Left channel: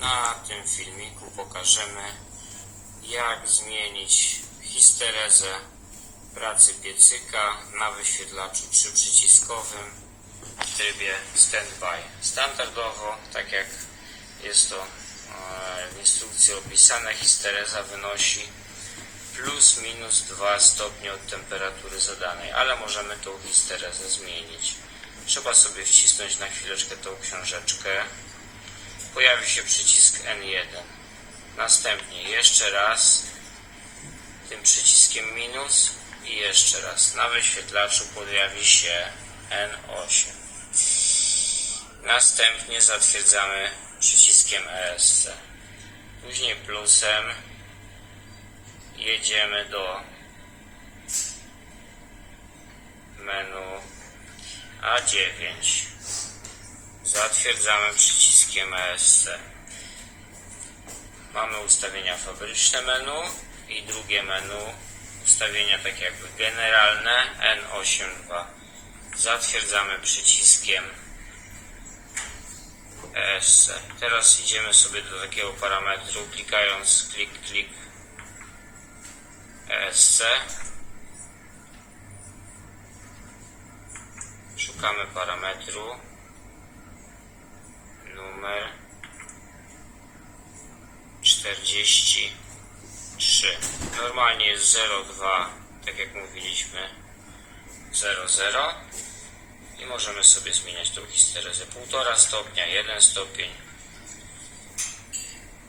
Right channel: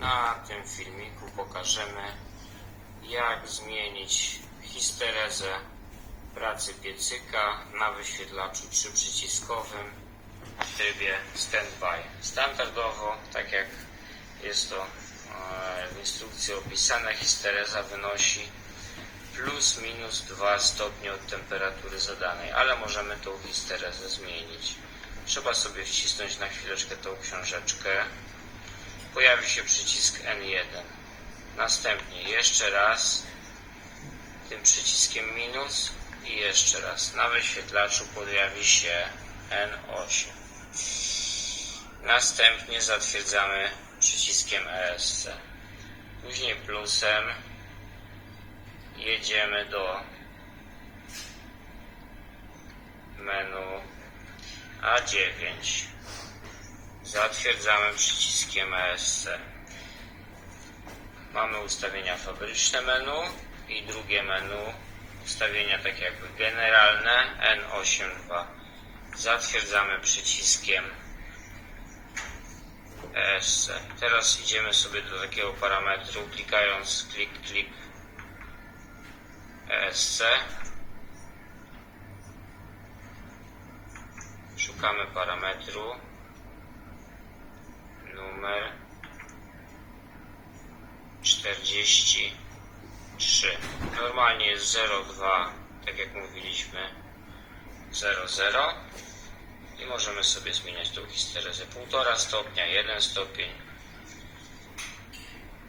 Na tym filmiku pokażemy jak zmienić histerezę pracy piecyka na wyświetlaczu trzyprzyciskowym w trybie standby. Standardowo, tak jak jest to e, w instrukcji opisane, histereza wynosi plus minus 2 stopnie od temperatury zadanej, ale możemy tą histerezę zmienić. Trzeba sobie wcisnąć na chwileczkę tą książeczkę. Pojawi się przycisk N1. Następnie jeszcze raz tym przyciskiem minus i jeszcze raz. Na wyświetlaczu pojawi się N8. Następnie zatwierdzamy przyciskiem ESC. Później plusem jedziemy do menu A9. Zatwierdzamy przyciskiem ESC. Mamy ustawienia fabryczne menu i drugie menu ustawienia tak jakby generalne N82. Zatwierdzamy przyciskiem ESC. Teraz idziemy sobie do takiego parametru klikając klik klik ESC. Szukamy parametru 43. Normalnie jest 02, tak jak mówiliśmy 00 i możemy sobie zmieniać tą histerezę 1,5 stopnia, 1 stopień,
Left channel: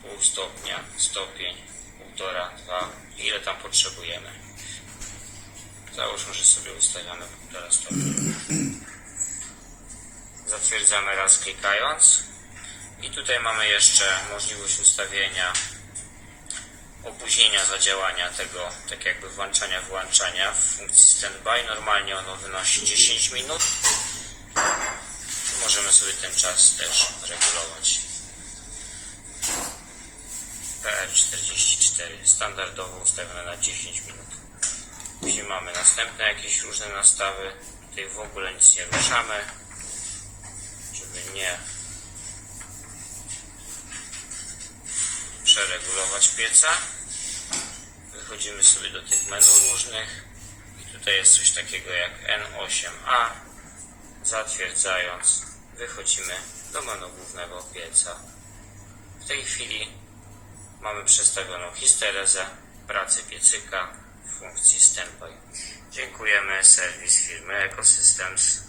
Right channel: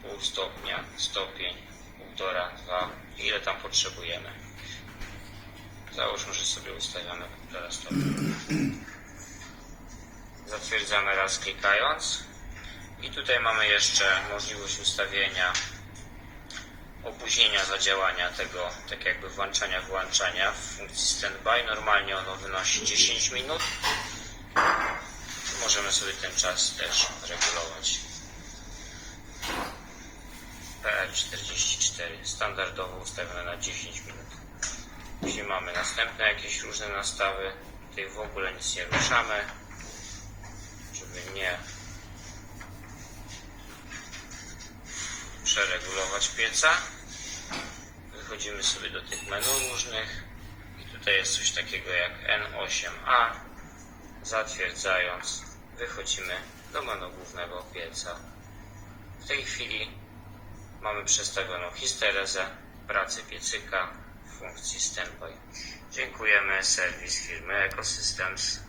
pół stopnia, stopień, 1,5, 2, ile tam potrzebujemy. Załóżmy, że sobie ustawiamy 1,5 stopnia. Zatwierdzamy raz klikając. I tutaj mamy jeszcze możliwość ustawienia opóźnienia zadziałania tego, tak jakby włączania, wyłączania w funkcji standby. Normalnie ono wynosi 10 minut. Możemy sobie ten czas też regulować. PR44 standardowo ustawione na 10 minut. Później mamy następne jakieś różne nastawy. Tutaj w ogóle nic nie ruszamy, żeby nie przeregulować pieca. Wychodzimy sobie do tych menu różnych i tutaj jest coś takiego jak N8A. Zatwierdzając, wychodzimy do menu głównego pieca. W tej chwili mamy przestawioną histerezę pracy piecyka w funkcji standby. Dziękujemy, serwis firmy Ecosystems.